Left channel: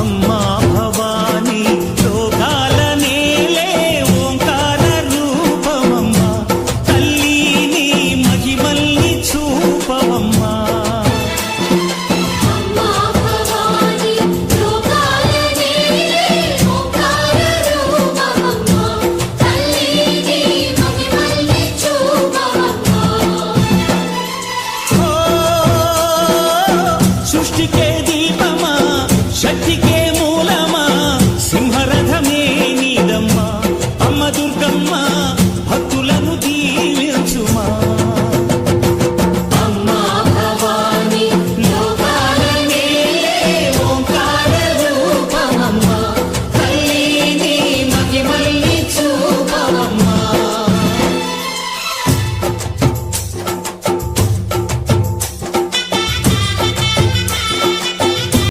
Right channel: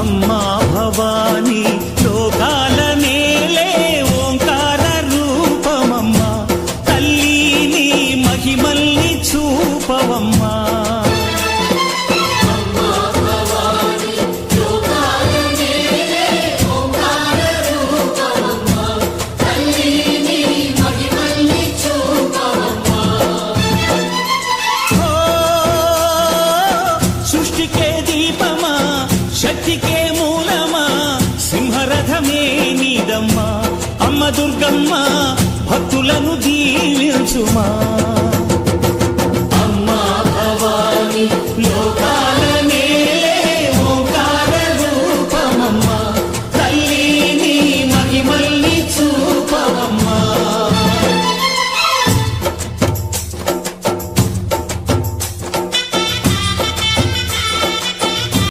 అమ్మా భవానీ లోకాల నేలే ఓంకార రూపమమ్మా తల్లి మహిమల్ని చూపవమ్మా సృష్టికే దీపమా శక్తికే మూలమా సింహరథమే నీదమ్మా అమ్మ దుర్గమ్మ భక్తులను దీవించుమా